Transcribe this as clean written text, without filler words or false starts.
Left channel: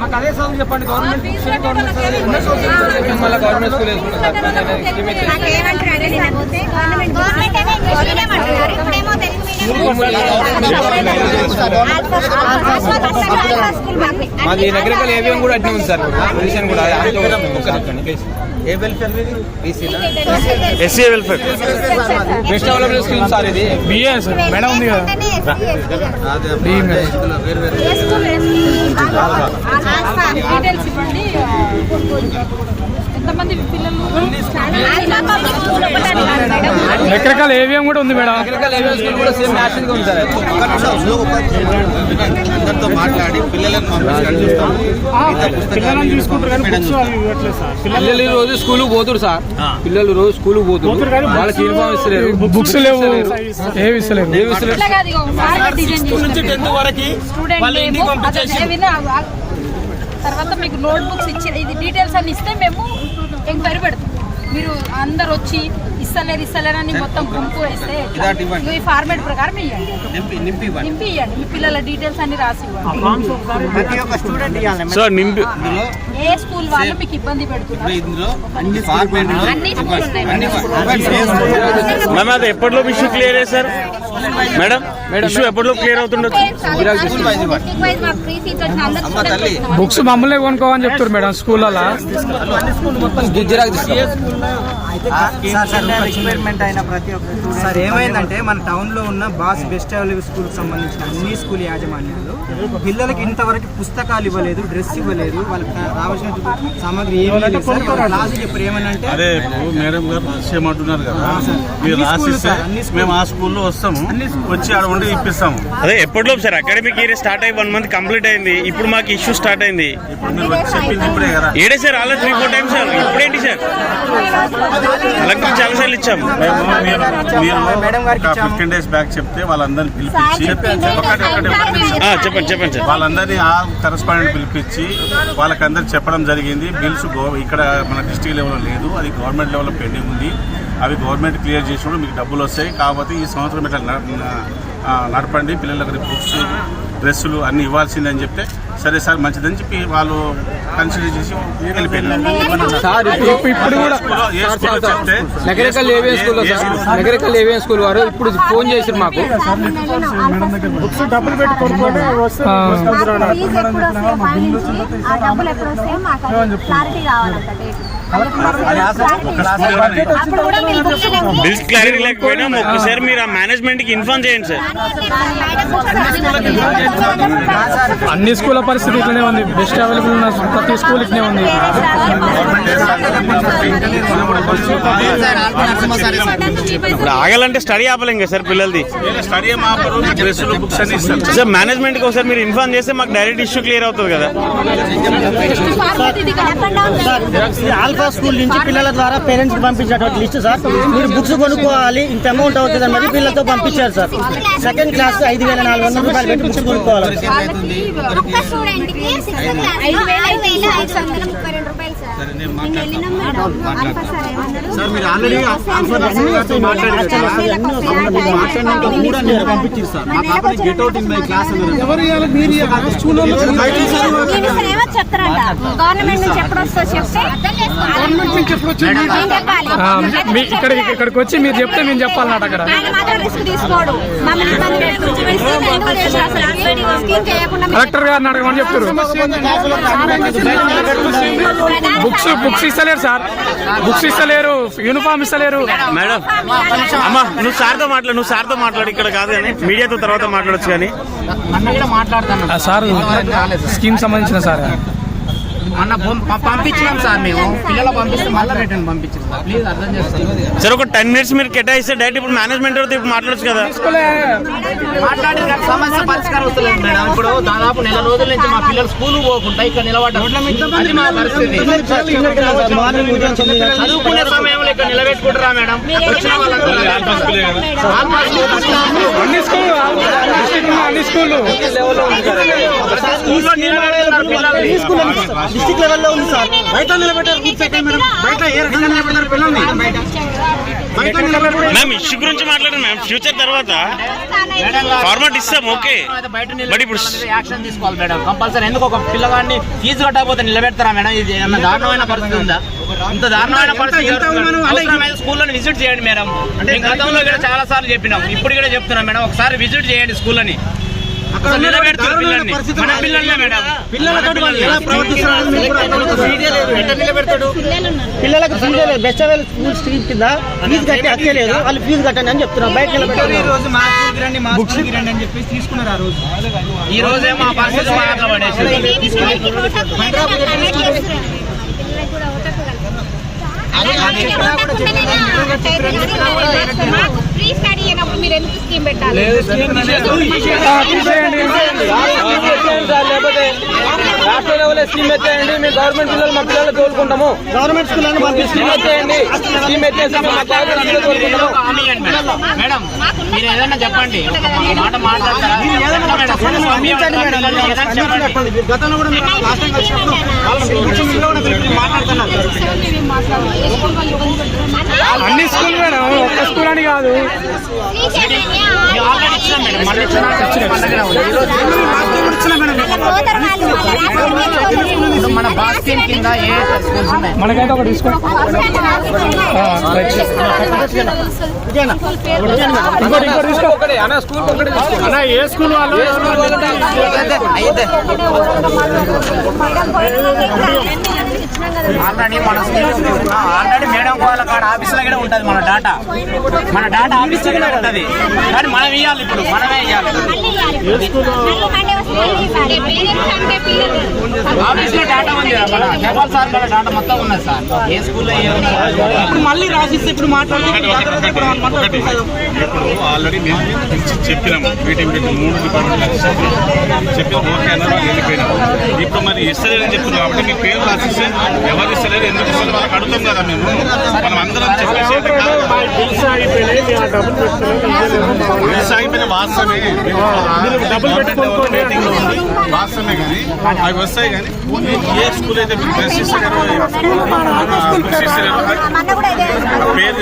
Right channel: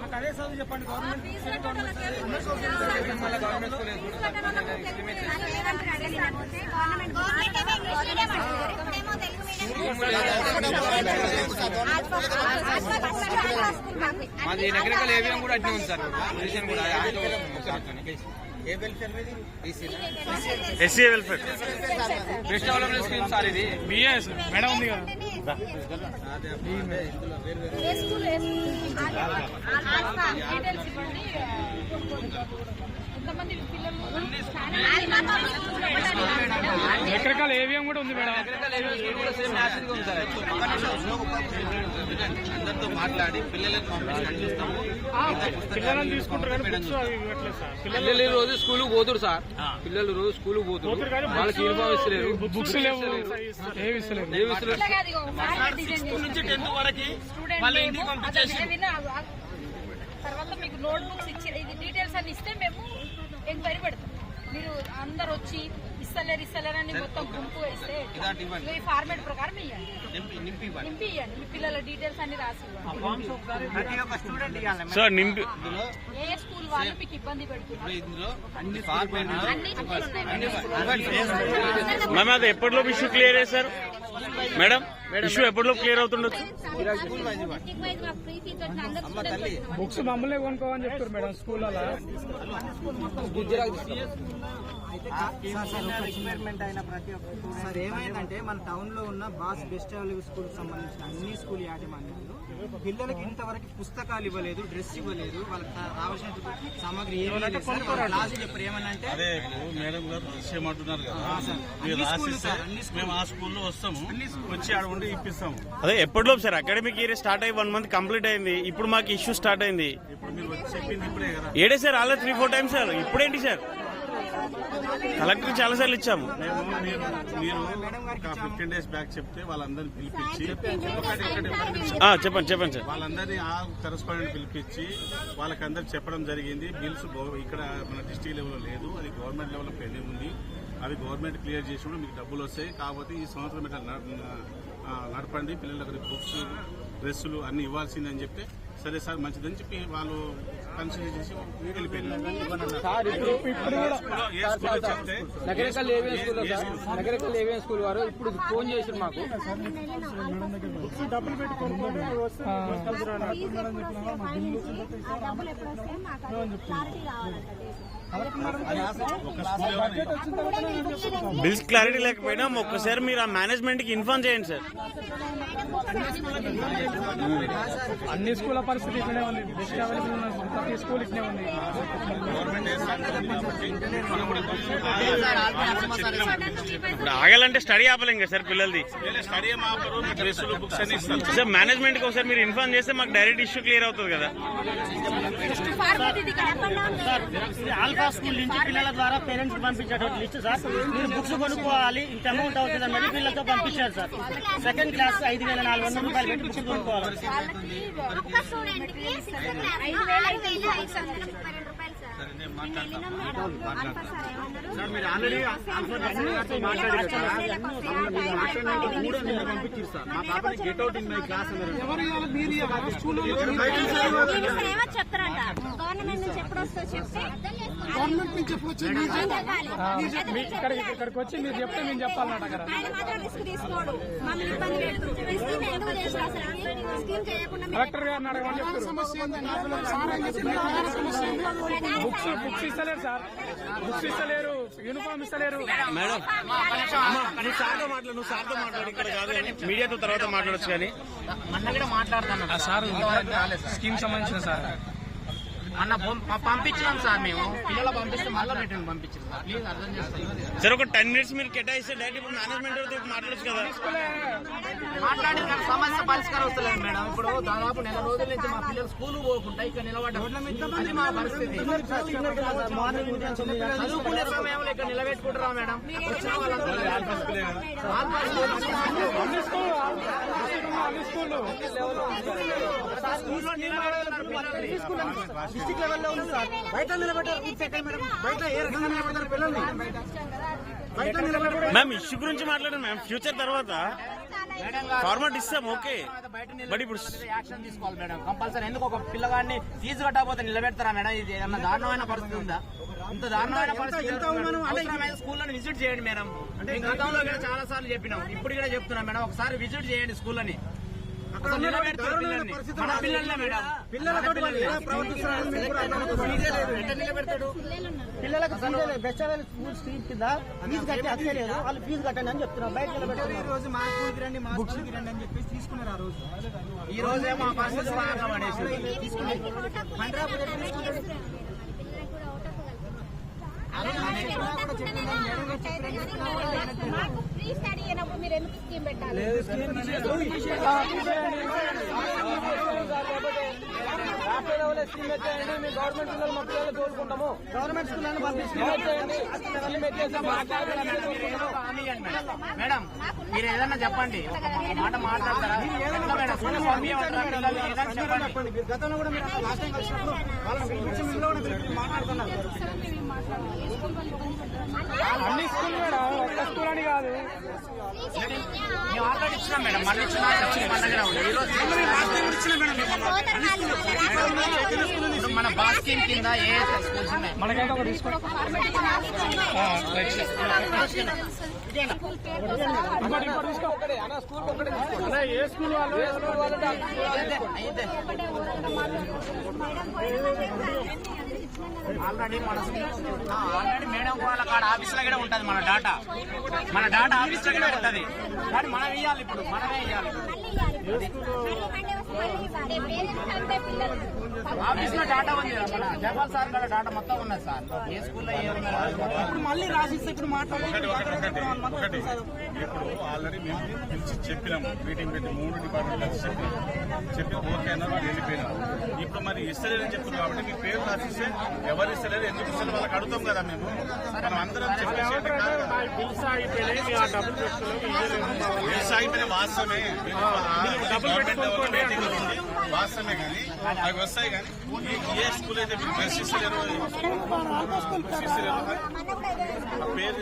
మాకు అదే చదువు చెప్పండి. గవర్నమెంట్ మాది నగరికల్ ఏవిఎం కూడా అట్నే ఉంది సార్. పొజిషన్ కూడా ఏ welfare SC welfare best development scheme sir. ఇది బిఏ సార్. మేడం ఉంది కదా రకరకాల ఏవిఎం కూడా ఉంది మేడం. రకరకాల ఏవిఎం స్కూల్ కూడా సేమ్ మ్యాచింగ్ ఉంది సార్. అందరితో మాట్లాడి పిల్లలను పిల్లలు రోజు స్కూల్ పోతురు సార్. పిల్లలు రోజు స్కూల్ పోతురు. వాళ్ళకి యూనిఫామ్ ఇస్తలేరు, బుక్స్ లేవు, ఏమి ఇస్తలేరు. తర్వాత మీకు నోట్ బుక్స్ ఇచ్చి ఇది డీటెయిల్స్ అన్ని ఇస్తే మేము ఎంక్వైరీ పెడతాం. మీరు అందరు వచ్చి ఇస్తలేరు అని మొత్తం గుంపు వేస్తే ఈ ఫార్మేట్ ప్రకారం నింపి ఇవ్వండి. మీ పిల్లల డీటెయిల్స్ అన్ని రాసి ఇవ్వండి. ఏ స్కూల్ వాళ్ళు మీకు ఇబ్బంది పెడుతున్నారు? అది ఎప్పటిలో issue clear sir? Madam issue ఎప్పటిలో క్లియర్ అవుతుండొచ్చు? బుక్స్ మమ్మల్ని కొనుక్కోవని చెప్తారు మేడం స్కూళ్ళలో. ఎక్స్పెరిమెంట్ అయిన ప్రతి ఒక్క సార్ ఏమైందంటే మన టౌన్ లో ఉన్న బాస్ బెస్ట్ అవైలబుల్ స్కూల్ సంబంధించిన అన్ని స్కూల్ యాజమాన్యాలు పిల్లలకి ఇంతవరకు పుస్తకాలు ఇవ్వలేదు, డ్రెస్ ఇవ్వలేదు, వాళ్ళకి రావాల్సిన సామాగ్రి ఏమీ లేదు సార్. క్లాసు చెప్పారు ఏమనంటే అదే మేడం గారు రాసేయమంటున్నారు కదా, మీరు రాసిస్తే మేము ఆ స్కూల్లో వస్తాము, వచ్చి ఆడ ఉండి ఇప్పిస్తాము. అదే ఎప్పటిలో సార్ అకాడమిక్ ఇయర్ స్టార్ట్ అయ్యి 1 month కంప్లీట్ అయింది. ఇప్పుడు మాకు ఇష్యూ స్టార్ట్ అయింది. ఇప్పుడు మీరు వచ్చి చెప్పింది ఇప్పుడే కదా. ఏడే సార్ ఆల్రెడీ 3-4 times సార్. ఇప్పుడేంటి సార్ కలెక్టర్ చాలా సార్లు ఇచ్చాము. మీరు 15 days బ్యాక్ చెప్తే వాళ్ళందరినీ పిలిపించి చెప్పండి సార్. వాళ్ళందరినీ ఆ కరెస్పాండెంట్ పిలిపించి వాళ్ళకందరికి చెప్పడం జరిగింది. బిల్స్ ఇక్కడ మన డిస్ట్రిక్ట్ లెవెల్లో లేదు, అది గవర్నమెంట్ లెవెల్లో పెండింగ్ ఉంది. అవి గవర్నమెంట్ క్లియర్ చేసినప్పుడు మీకు డబ్బులు వస్తాయి. కాకపోతే ఈ సంవత్సరం ఇట్లా నడపండి, పిల్లలకు బుక్స్ డ్రెస్సులు అన్నీ ఇవ్వాల్సిందే అని చెప్తే సరే సార్ మంచిదని చెప్పి వాళ్ళు కన్సిడర్ చేసి వెళ్ళిపోయారు. ఇప్పుడు కూడా Nagarikal AVM school Nagarikal AVM school వారు ఇప్పుడు ఫోన్ చేశారు మాకు. డబ్బులు పెట్టి బిల్స్ క్లారిటీ లేకపోయినా ఒక్కసారి మీరు ఆ మేనేజ్మెంట్ కి ఇన్ఫార్మ్ చేయండి సార్. అన్ని స్కూళ్ళ పరిస్థితి ఇట్లనే ఉంది. బెస్ట్ అవైలబుల్ ఉన్న ప్రతి స్కూల్ ఇట్లనే ఉంది. ఇప్పుడు ఆగాలంటే స్టడీ ఆపలేం కదా సార్ పిల్లలది. సార్ మేనేజ్మెంట్ కి ఒకసారి మీరు ఇన్ఫార్మ్ చేస్తే మాకు డైరెక్ట్ ఇష్యూ క్లియర్ అవుతుంది కదా. ఆల్ఫా స్కూల్ నుంచి పిల్లల ద్వారా పేరెంట్స్ కి పంపించేటువంటి లిస్ట్ సార్. మీరు బుక్స్ కొనుక్కోవాలి, ఇంత అమౌంట్ అవుతుంది అని పిల్లలతో పంపించారు సార్. సెకండ్ క్లాస్ 5,400 రూపాయలు పెట్టి బుక్స్ కొనుక్కోవాలి. సార్ మీరు ఆల్రెడీ పంపించారు సార్. మా పాపని get out in my class ఇక్కడికి వచ్చి మీరు చెప్తే మేము చెప్పాలన్నమాట. అక్కడ కలెక్టర్ గారిని అడగమని చెప్తారు. బుక్స్ ఇస్తలేరు సార్, బుక్స్ ఇస్తలేరు, యూనిఫామ్ ఇస్తలేరు. మేడం అమ్మా నువ్వు సార్తో మాట్లాడు ఇక్కడ కాదు కానీ మీడియాతో తర్వాత మాట్లాడచ్చు. కానీ సార్ స్కీమ్ సంబంధించిన సార్ అన్న పంపించాం సార్. మేము పిల్లలు పంపిస్తే మళ్ళీ రిటర్న్ పంపించాం సార్. ప్లీజ్ అర్థం చేసుకోండి సార్. ఒక 10 minutes మీరు కేటాయిస్తే డైరెక్ట్ ఇప్పుడు మేనేజ్మెంట్ ఇప్పుడు మాట్లాడచ్చు కదా. మాట్లాడి సమస్య పరిష్కారం వస్తలేదు మేడం. ఇప్పుడు దాదాపు 1 నెల రోజుల నుంచి మా పిల్లలు స్కూల్ పోకుండా ఇక్కడ నిలబడ్డారు. మా పరిస్థితి చదువుకునే సమయంలో ఇక్కడ నిలబెట్టుకుంటారా మేడం? డిస్ట్రిక్ట్ లెవెల్లో ఉంది సార్. బయట నిలబెట్టారు. బయట ఏ రకంగా నిలబెట్టారు పిల్లల్ని? మ్యామ్ ఇష్యూ గురించి మాట్లాడండి మ్యామ్. ఫ్యూచర్ తర్వాత ఫార్మాట్ ఇస్తాం ఓకే, బట్ ఇప్పుడు యాక్షన్ తీసుకోవాలి మేడం కంపల్సరీ. ఎందుకు ఒక పిల్లగాడిని ఫీజు కట్టకపోతే నిలబెడతారా మేడం? ఇది ఏమన్నా దారుణమైన పరిస్థితి ఉందా? ఇంత దారుణమైన పరిస్థితి స్కూళ్ళని విజిట్ చేయండి మేడం. అంటే గతంలో కూడా చాలా సార్లు చెప్పినాం, ఇప్పుడు కూడా చెప్తున్నాం మేడం, ఒకసారి విజిట్ చేయండి స్కూళ్ళని. అసలు నిలబెడతారు పిల్లల్ని, మన పిల్లల్నే మేడం. పిల్లలతో పిల్లలకు ఫీజు లేదు. బెస్ట్ స్కూల్ స్ట్రీట్ కింద ఫీజు కట్టి హక్కలేదు, వాళ్ళు ఫీజు కట్టండి అని చెప్తున్నారు. బయట నిలబెట్టారు. ఈ రోజు మా స్కూల్కి రండి, మా స్కూల్కి రండి అని చెప్పేసి తీసుకున్నారు. ఆ రోజు ఈ రోజే మా పరిస్థితి బాగా పడేసి ఫ్రీ స్టడీ అయినప్పుడు మీరు ఎందుకు స్కీమ్ పెట్టాలి? లేకపోతే రాష్ట్ర లెవెల్ స్కీమ్ ఎత్తేయండి. మీ గవర్నమెంట్ పిల్లలు మా పిల్లలు తోలుకుంటాము. గవర్నమెంట్ స్కూల్ స్కీమ్ ఎత్తేయండి. స్కీమ్ ఎత్తేసి మేడం మీరు ఏదన్నా చెప్పండి, ఒక మాట మాట్లాడతారా? గతంలో కూడా అన్ని స్కూల్ మేడం, ఒక్క స్కూల్ అని కాదు. ఆల్రెడీ ఇచ్చిన మేడం, మళ్ళీ ఇప్పుడు మన బాస్కిన్ కింద ఏ స్కూల్స్ ఉన్నాయి? మనకైతే ఒకటి తీసుకో. ఇంకోటి తీసుకో. ఒకటి అన్న స్కూల్ ఒకటి తీసుకో. అన్న ఏ స్కూల్ వాళ్ళు ఆల్రెడీ మన ఆల్రెడీ మేడం వాళ్ళ కాడ ఆఫీసులో కూడా ఉంటుంది మన డాటా ఆఫీస్లో కూడా ఉంటుంది. కానీ మనం ఇవ్వాలి, ఇప్పుడు మనమే ఇవ్వాలి. ఆఫీస్లో డాటా ఉంది, మన జపాల్ సార్ కూడా డాటా మొత్తం ఉన్నది సార్. ఏ స్కూల్లో ఇప్పుడు మళ్ళీ రాసిస్తే ఇప్పుడు మాట్లాడుతున్నాం. ఇప్పుడు ఆల్రెడీ మేము చెప్పినాము, మీటింగ్ పెట్టి 3 డిపార్ట్మెంట్ చెప్పిన ఓకే అన్నారు, వెళ్ళిపోయినాము. ఇప్పుడు మరి ఇస్తలేదని చెప్తున్నాం కాబట్టి మీ పేరు రాసిస్తే ఎవరు ఇస్తలేదు, ఎందుకు ఇస్తారు వాళ్ళకి అడుగుతాం కదా మేము. మనం అందరం చెప్పేసి సాగిపోయిన వాస్తవమే, గవర్నమెంట్ లెవెల్ మీటింగ్ లో ఉంది వాస్తవమే. కానీ అవి వస్తాయి, కానీ ఏ స్కూల్ అయితే మీకు బెస్ట్ ఇస్తలేరో బుక్స్ ఇస్తలేరో పేరు